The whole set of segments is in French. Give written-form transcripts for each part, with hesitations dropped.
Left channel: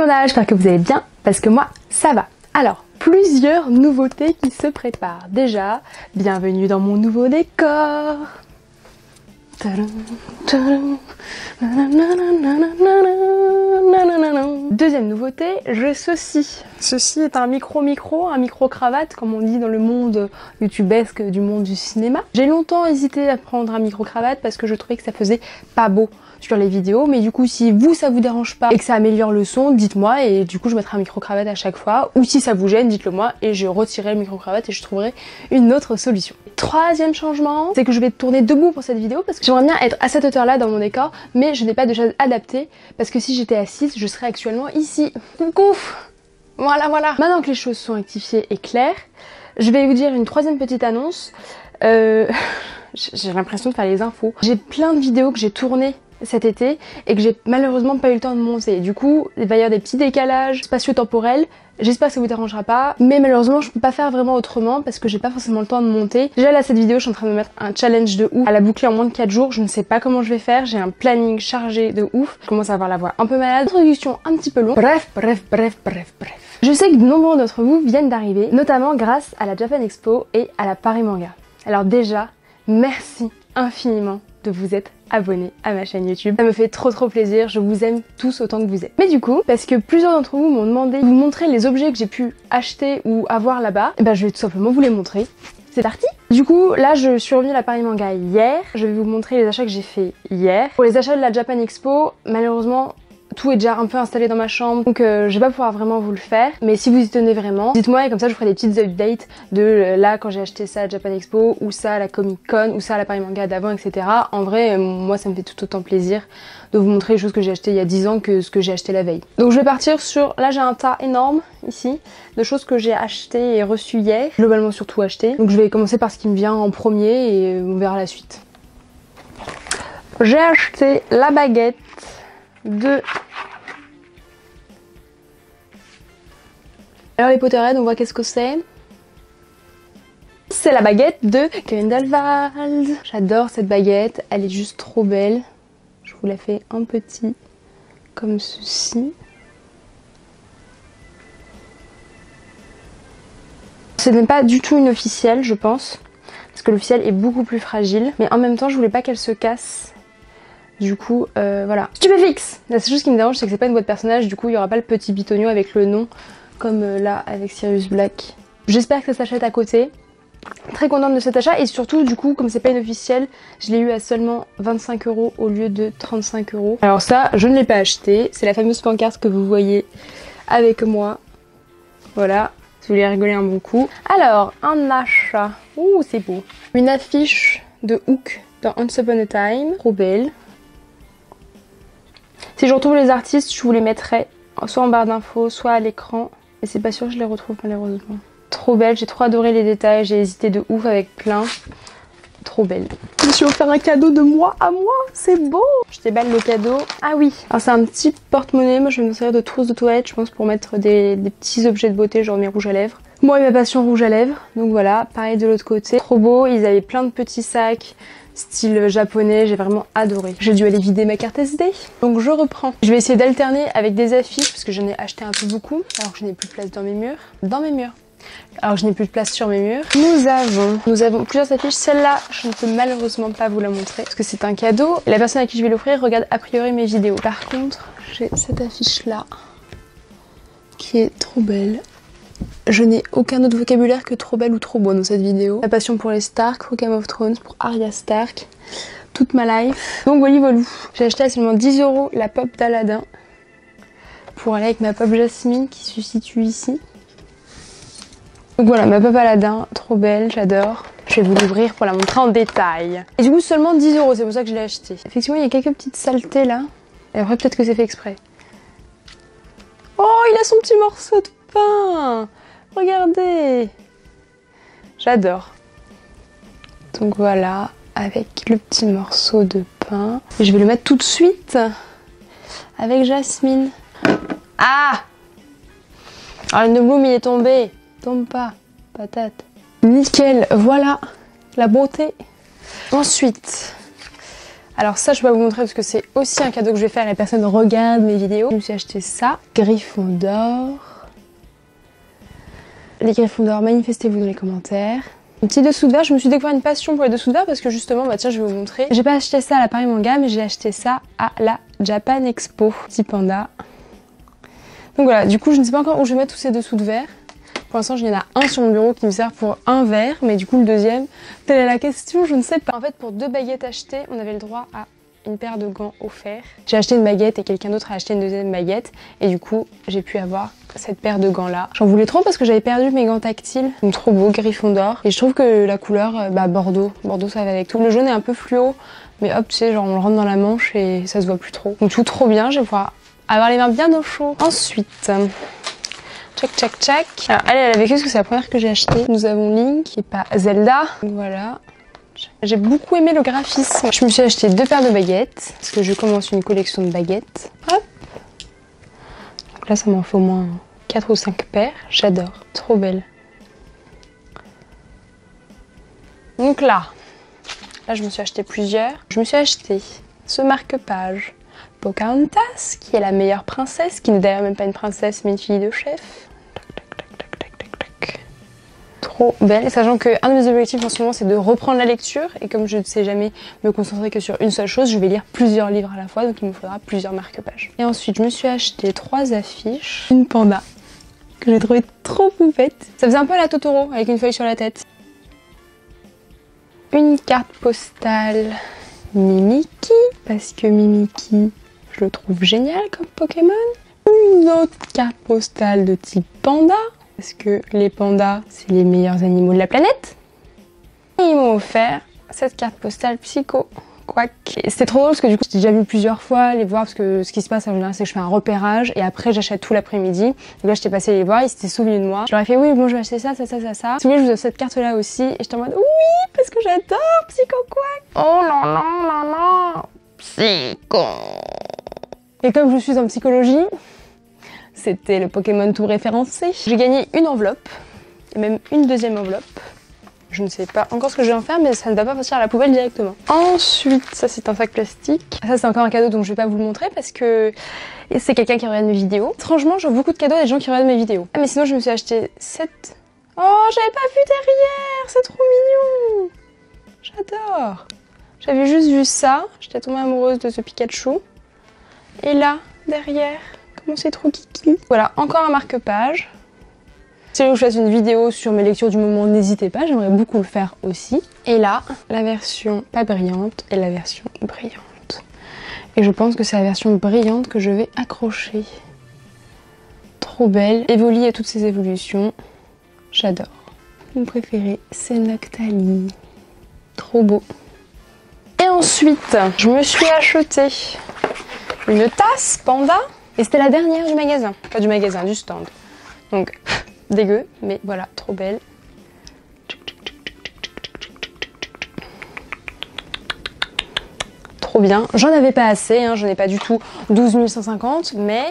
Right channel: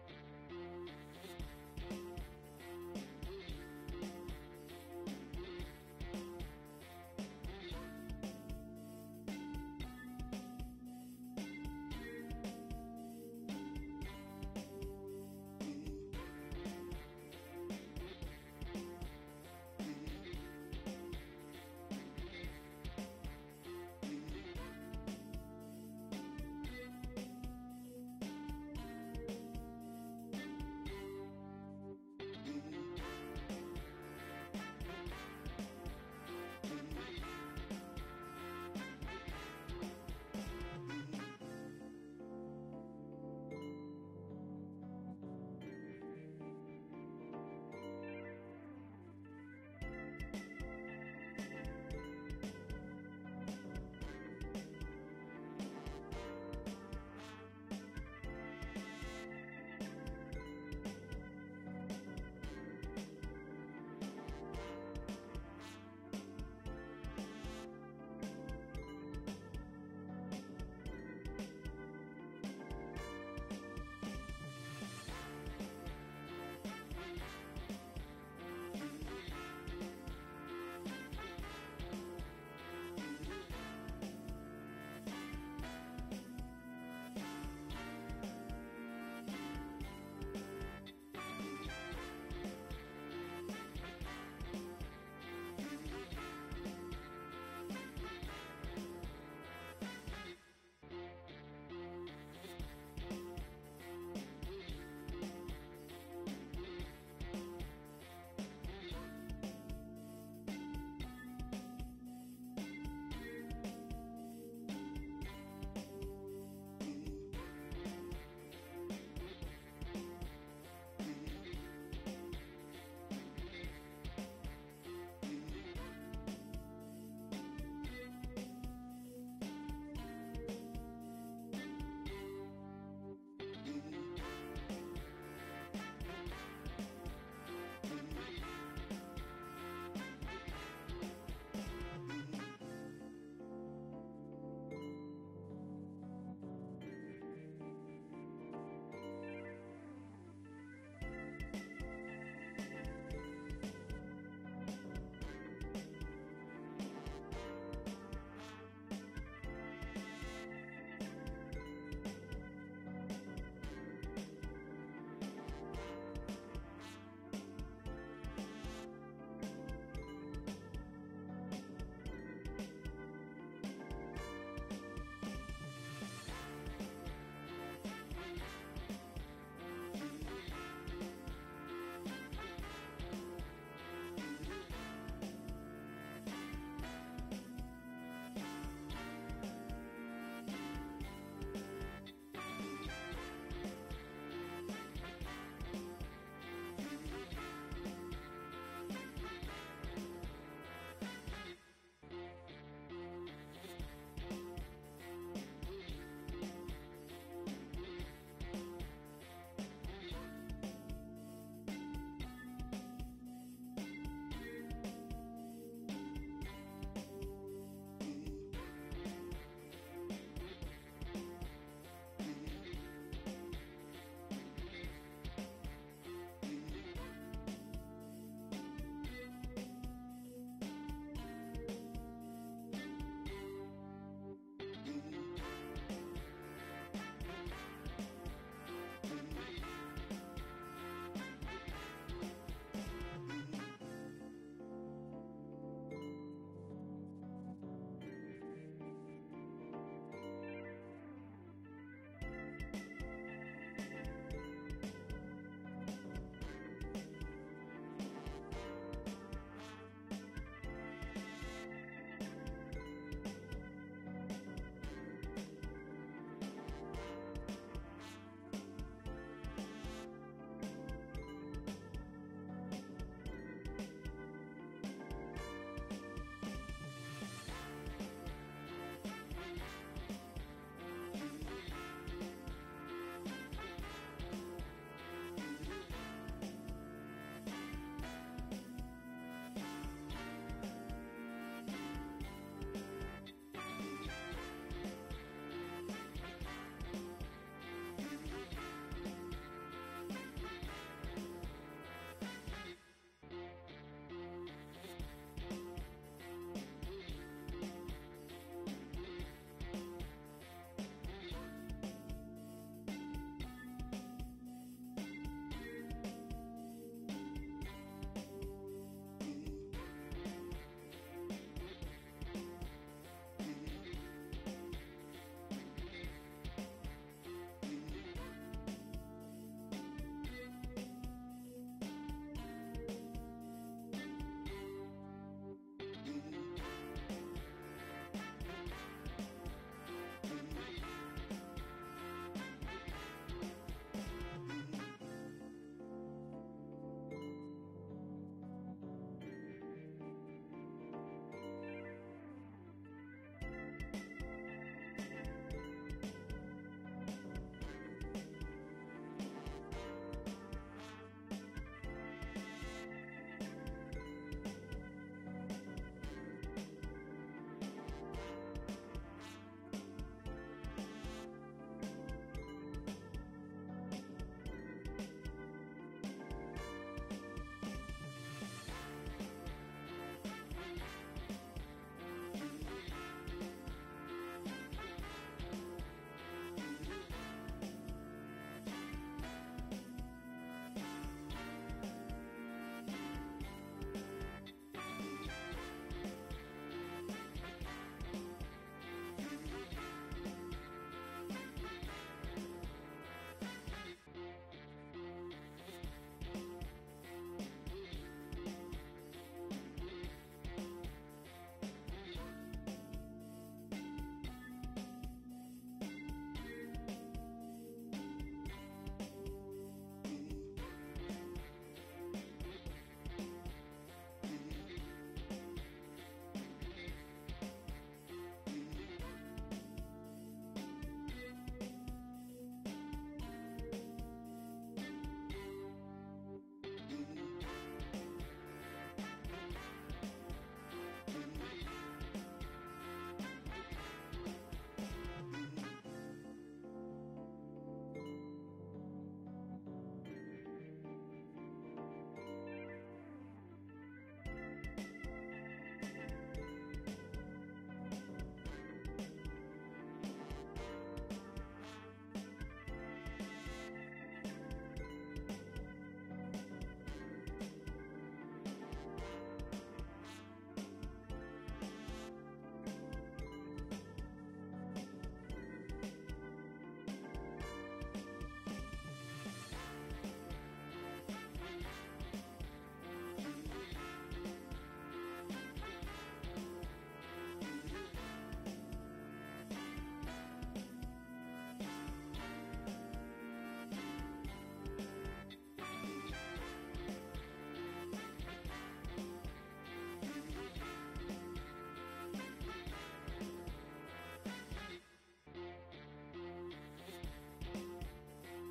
tout le monde, j'espère que vous allez bien, parce que moi, ça va. Alors, plusieurs nouveautés qui se préparent. Déjà, bienvenue dans mon nouveau décor. Deuxième nouveauté, j'ai ceci. Ceci est un micro-cravate, comme on dit dans le monde youtubesque du monde du cinéma. J'ai longtemps hésité à prendre un micro-cravate parce que je trouvais que ça faisait pas beau sur les vidéos, mais du coup si vous ça vous dérange pas et que ça améliore le son, dites-moi et du coup je mettrai un micro-cravate à chaque fois, ou si ça vous gêne, dites-le moi et je retirerai le micro-cravate et je trouverai une autre solution. Troisième changement, c'est que je vais tourner debout pour cette vidéo parce que j'aimerais bien être à cette hauteur là dans mon décor, mais je n'ai pas de chaise adaptée parce que si j'étais assise, je serais actuellement ici. Coucou! Voilà. Maintenant que les choses sont rectifiées et claires, je vais vous dire une troisième petite annonce. J'ai l'impression de faire les infos. J'ai plein de vidéos que j'ai tournées cet été et que j'ai malheureusement pas eu le temps de monter. Du coup, il va y avoir des petits décalages spatio-temporels. J'espère que ça vous dérangera pas, mais malheureusement je peux pas faire vraiment autrement parce que j'ai pas forcément le temps de monter. Déjà là cette vidéo je suis en train de me mettre un challenge de ouf à la boucler en moins de 4 jours, je ne sais pas comment je vais faire, j'ai un planning chargé de ouf, je commence à avoir la voix un peu malade, introduction un petit peu longue, bref. Je sais que de nombreux d'entre vous viennent d'arriver, notamment grâce à la Japan Expo et à la Paris Manga. Alors déjà, merci infiniment de vous être abonnés à ma chaîne YouTube. Ça me fait trop plaisir, je vous aime tous autant que vous êtes. Mais du coup, parce que plusieurs d'entre vous m'ont demandé de vous montrer les objets que j'ai pu acheter ou avoir là-bas, et ben je vais tout simplement vous les montrer. C'est parti! Du coup, là je suis revenue à la Paris Manga hier, je vais vous montrer les achats que j'ai fait hier. Pour les achats de la Japan Expo, malheureusement, tout est déjà un peu installé dans ma chambre, donc je vais pas pouvoir vraiment vous le faire. Mais si vous y tenez vraiment, dites-moi et comme ça je vous ferai des petites updates de là quand j'ai acheté ça à Japan Expo, ou ça à la Comic Con, ou ça à la Paris Manga d'avant, etc. En vrai, moi ça me fait tout autant plaisir de vous montrer les choses que j'ai achetées il y a 10 ans que ce que j'ai acheté la veille. Donc je vais partir sur... Là j'ai un tas énorme ici de choses que j'ai achetées et reçues hier, globalement surtout achetées. Donc je vais commencer par ce qui me vient en premier et on verra la suite. J'ai acheté la baguette de... Alors les Potterheads, on voit qu'est-ce que c'est. C'est la baguette de Grindelwald. J'adore cette baguette, elle est juste trop belle. Je vous la fais un petit comme ceci. Ce n'est pas du tout une officielle, je pense, parce que l'officielle est beaucoup plus fragile, mais en même temps je voulais pas qu'elle se casse. Du coup, voilà. Stupéfix! La seule chose qui me dérange, c'est que c'est pas une boîte personnage, du coup, il y aura pas le petit bitonio avec le nom, comme là, avec Sirius Black. J'espère que ça s'achète à côté. Très contente de cet achat, et surtout, du coup, comme c'est pas une officielle, je l'ai eu à seulement 25 € au lieu de 35 €. Alors ça, je ne l'ai pas acheté. C'est la fameuse pancarte que vous voyez avec moi. Voilà, si vous voulez rigoler un bon coup. Alors, un achat. Ouh, c'est beau. Une affiche de Hook dans Once Upon a Time. Trop belle. Si je retrouve les artistes, je vous les mettrai soit en barre d'infos, soit à l'écran. Et c'est pas sûr que je les retrouve malheureusement. Trop belle, j'ai trop adoré les détails, j'ai hésité de ouf avec plein. Trop belle. Je me suis offert un cadeau de moi à moi, c'est beau! Je déballe le cadeau. Ah oui, alors c'est un petit porte-monnaie, moi je vais me servir de trousse de toilette, je pense, pour mettre des petits objets de beauté, genre mes rouges à lèvres. Moi et ma passion rouge à lèvres, donc voilà, pareil de l'autre côté. Trop beau, ils avaient plein de petits sacs. Style japonais, j'ai vraiment adoré. J'ai dû aller vider ma carte SD, donc je reprends. Je vais essayer d'alterner avec des affiches parce que j'en ai acheté un peu beaucoup, alors que je n'ai plus de place dans mes murs. Alors que je n'ai plus de place sur mes murs. Nous avons plusieurs affiches. Celle-là, je ne peux malheureusement pas vous la montrer parce que c'est un cadeau. Et la personne à qui je vais l'offrir regarde a priori mes vidéos. Par contre, j'ai cette affiche-là qui est trop belle. Je n'ai aucun autre vocabulaire que trop belle ou trop beau dans cette vidéo. La passion pour les Stark, pour Game of Thrones, pour Arya Stark, toute ma life. Donc voilà. J'ai acheté à seulement 10 € la pop d'Aladin pour aller avec ma pop Jasmine qui se situe ici. Donc voilà, ma pop Aladin, trop belle, j'adore. Je vais vous l'ouvrir pour la montrer en détail. Et du coup seulement 10 €, c'est pour ça que je l'ai acheté. Effectivement, il y a quelques petites saletés là. Et après peut-être que c'est fait exprès. Oh, il a son petit morceau de pain! Regardez! J'adore. Donc voilà, avec le petit morceau de pain. Et je vais le mettre tout de suite avec Jasmine. Ah! Alors le bloom il est tombé. Tombe pas, patate. Nickel, voilà la beauté. Ensuite, Alors ça, je vais vous montrer parce que c'est aussi un cadeau que je vais faire et personne ne regarde mes vidéos. Je me suis acheté ça, Gryffondor. Les Gryffondor, manifestez-vous dans les commentaires. Un petit dessous de verre, je me suis découvert une passion pour les dessous de verre parce que justement, bah tiens, je vais vous montrer. J'ai pas acheté ça à la Paris Manga, mais j'ai acheté ça à la Japan Expo. Petit panda. Donc voilà, du coup, je ne sais pas encore où je vais mettre tous ces dessous de verre. Pour l'instant, il y en a un sur mon bureau qui me sert pour un verre, mais du coup, le deuxième, telle est la question, je ne sais pas. En fait, pour 2 baguettes achetées, on avait le droit à une paire de gants offerts. J'ai acheté une baguette et quelqu'un d'autre a acheté une deuxième baguette, et du coup, j'ai pu avoir cette paire de gants là. J'en voulais trop parce que j'avais perdu mes gants tactiles. Ils sont trop beaux, Gryffondor. Et je trouve que la couleur, Bordeaux. Bordeaux, ça va avec tout. Le jaune est un peu fluo, mais hop, tu sais, genre on le rentre dans la manche et ça se voit plus trop. Donc tout trop bien, je vais pouvoir avoir les mains bien au chaud. Ensuite, tchac tchac tchac. Alors elle a vécu parce que c'est la première que j'ai achetée. Nous avons Link et pas Zelda. Voilà. J'ai beaucoup aimé le graphisme. Je me suis acheté 2 paires de baguettes parce que je commence une collection de baguettes. Hop. Donc là, ça m'en fait au moins 4 ou 5 paires. J'adore. Trop belle. Donc là, je me suis acheté plusieurs. Je me suis acheté ce marque-page Pocahontas, qui est la meilleure princesse, qui n'est d'ailleurs même pas une princesse mais une fille de chef. Trop belle, sachant qu'un de mes objectifs en ce moment c'est de reprendre la lecture et comme je ne sais jamais me concentrer que sur une seule chose, je vais lire plusieurs livres à la fois, donc il me faudra plusieurs marque-pages. Et ensuite je me suis acheté 3 affiches, une panda que j'ai trouvé trop poupette. Ça faisait un peu la Totoro avec une feuille sur la tête. Une carte postale Mimiki, parce que Mimiki je le trouve génial comme Pokémon. Une autre carte postale de type panda, parce que les pandas, c'est les meilleurs animaux de la planète. Et ils m'ont offert cette carte postale Psycho. Quack. C'était trop drôle parce que du coup, j'ai déjà vu plusieurs fois les voir parce que ce qui se passe en général, c'est que je fais un repérage et après j'achète tout l'après-midi. Donc là, j'étais passée les voir, ils s'étaient souvenus de moi. Je leur ai fait oui, bon, je vais acheter ça, ça, ça, ça, ça. Si vous voulez, je vous offre cette carte là aussi. Et j'étais en mode oui, parce que j'adore Psycho Quack. Oh là là là là. Psycho. Et comme je suis en psychologie, c'était le Pokémon tout référencé. J'ai gagné une enveloppe, et même une deuxième enveloppe. Je ne sais pas encore ce que je vais en faire, mais ça ne va pas partir à la poubelle directement. Ensuite, ça c'est un sac plastique. Ça c'est encore un cadeau donc je vais pas vous le montrer parce que c'est quelqu'un qui regarde mes vidéos. Étrangement, j'offre beaucoup de cadeaux à des gens qui regardent mes vidéos. Ah mais sinon je me suis acheté cette... Oh, j'avais pas vu derrière, c'est trop mignon. J'adore. J'avais juste vu ça, j'étais tombée amoureuse de ce Pikachu. Et là, derrière, comment c'est trop kiki. Voilà, encore un marque-page. Si vous voulez que je fasse une vidéo sur mes lectures du moment, n'hésitez pas, j'aimerais beaucoup le faire aussi. Et là, la version pas brillante et la version brillante. Et je pense que c'est la version brillante que je vais accrocher. Trop belle. Evoli et toutes ses évolutions. J'adore. Mon préféré, c'est Noctali. Trop beau. Et ensuite, je me suis acheté une tasse panda. Et c'était la dernière du magasin. Pas du magasin, du stand. Donc... dégueu, mais voilà, trop belle. Trop bien. J'en avais pas assez, hein, j'en ai pas du tout 12 150, mais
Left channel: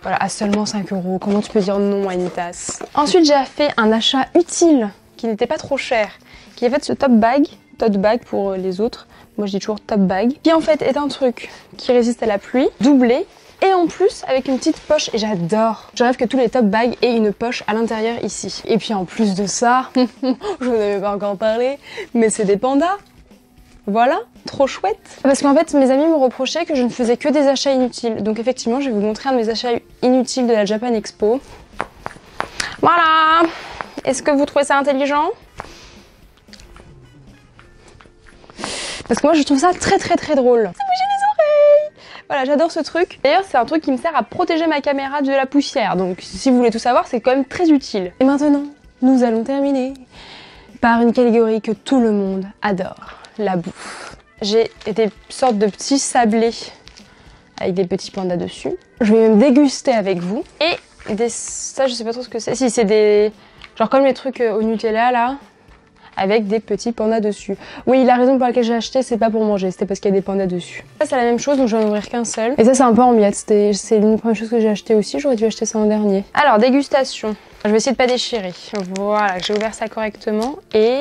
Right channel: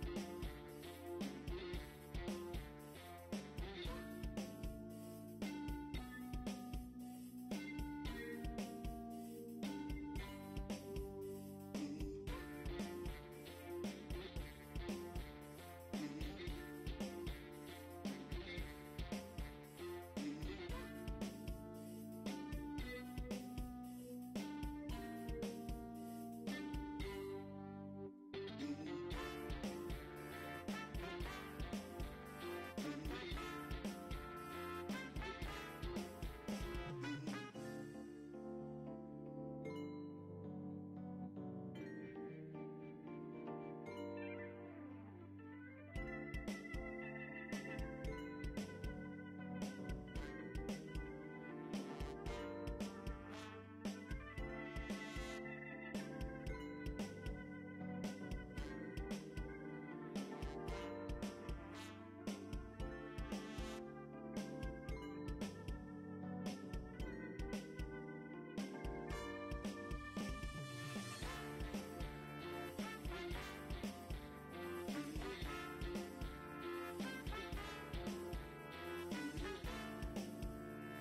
voilà, à seulement 5 €. Comment tu peux dire non à une tasse? Ensuite, j'ai fait un achat utile qui n'était pas trop cher, qui est fait ce tote bag pour les autres. Moi, je dis toujours top bag, qui en fait est un truc qui résiste à la pluie, doublé. Et en plus, avec une petite poche, et j'adore. Je rêve que tous les top bags aient une poche à l'intérieur ici. Et puis en plus de ça, je vous en avais pas encore parlé, mais c'est des pandas. Voilà, trop chouette. Parce qu'en fait, mes amis me reprochaient que je ne faisais que des achats inutiles. Donc effectivement, je vais vous montrer un de mes achats inutiles de la Japan Expo. Voilà. Est-ce que vous trouvez ça intelligent? Parce que moi, je trouve ça très très très drôle. Ça bouge les oreilles. Voilà, j'adore ce truc. D'ailleurs, c'est un truc qui me sert à protéger ma caméra de la poussière. Donc, si vous voulez tout savoir, c'est quand même très utile. Et maintenant, nous allons terminer par une catégorie que tout le monde adore, la bouffe. J'ai des sortes de petits sablés avec des petits pandas dessus. Je vais même déguster avec vous. Et ça, je sais pas trop ce que c'est. Si, c'est des... genre comme les trucs au Nutella, là, avec des petits pandas dessus. Oui, la raison pour laquelle j'ai acheté, c'est pas pour manger, c'était parce qu'il y a des pandas dessus. Ça, c'est la même chose, donc je vais en ouvrir qu'un seul. Et ça, c'est un peu en miettes. C'est l'une des premières choses que j'ai acheté aussi. J'aurais dû acheter ça en dernier. Alors, dégustation. Je vais essayer de pas déchirer. Voilà, j'ai ouvert ça correctement. Et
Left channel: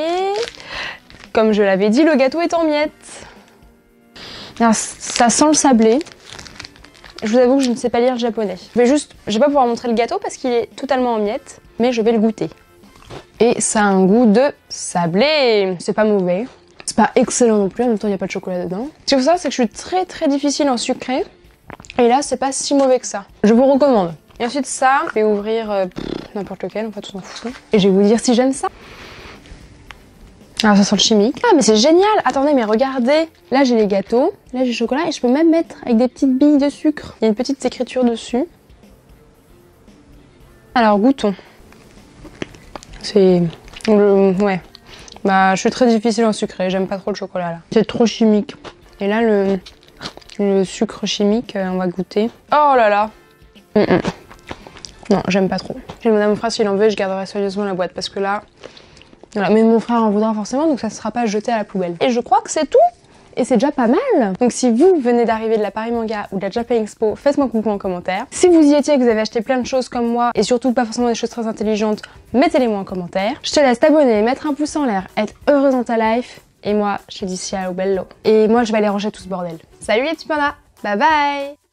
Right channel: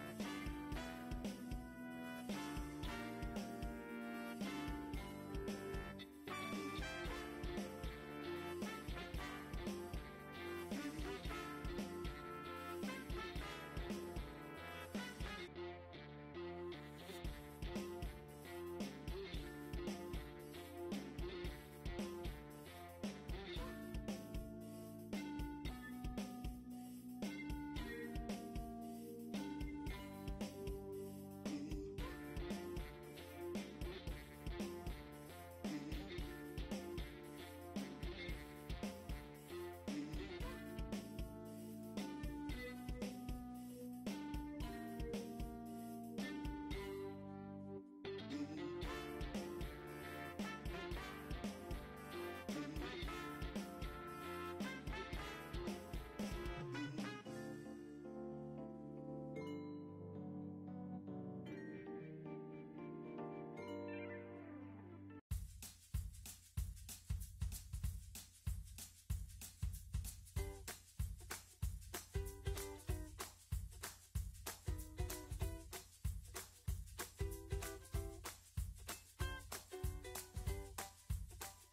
comme je l'avais dit, le gâteau est en miettes. Alors, ça sent le sablé. Je vous avoue que je ne sais pas lire le japonais. Je vais pas pouvoir montrer le gâteau parce qu'il est totalement en miettes, mais je vais le goûter. Et ça a un goût de sablé. C'est pas mauvais. C'est pas excellent non plus, en même temps il n'y a pas de chocolat dedans. Ce qu'il faut savoir, c'est que je suis très difficile en sucré. Et là, c'est pas si mauvais que ça. Je vous recommande. Et ensuite ça, je vais ouvrir n'importe lequel, en fait on s'en fout. Et je vais vous dire si j'aime ça. Alors ça sent le chimique. Ah mais c'est génial. Attendez, mais regardez. Là j'ai les gâteaux, là j'ai le chocolat et je peux même mettre avec des petites billes de sucre. Il y a une petite écriture dessus. Alors goûtons. C'est... Ouais. Bah je suis très difficile en sucré, j'aime pas trop le chocolat là. C'est trop chimique. Et là le sucre chimique, on va goûter. Oh là là. Non, j'aime pas trop. J'ai demandé à mon frère s'il en veut et je garderai soigneusement la boîte parce que là... Voilà, mais mon frère en voudra forcément, donc ça ne sera pas jeté à la poubelle. Et je crois que c'est tout. Et c'est déjà pas mal. Donc si vous venez d'arriver de la Paris Manga ou de la Japan Expo, faites-moi coucou en commentaire. Si vous y étiez et que vous avez acheté plein de choses comme moi, et surtout pas forcément des choses très intelligentes, mettez-les-moi en commentaire. Je te laisse t'abonner, mettre un pouce en l'air, être heureuse dans ta life. Et moi, je te dis ciao bello. Et moi, je vais aller ranger tout ce bordel. Salut les petits pandas. Bye bye.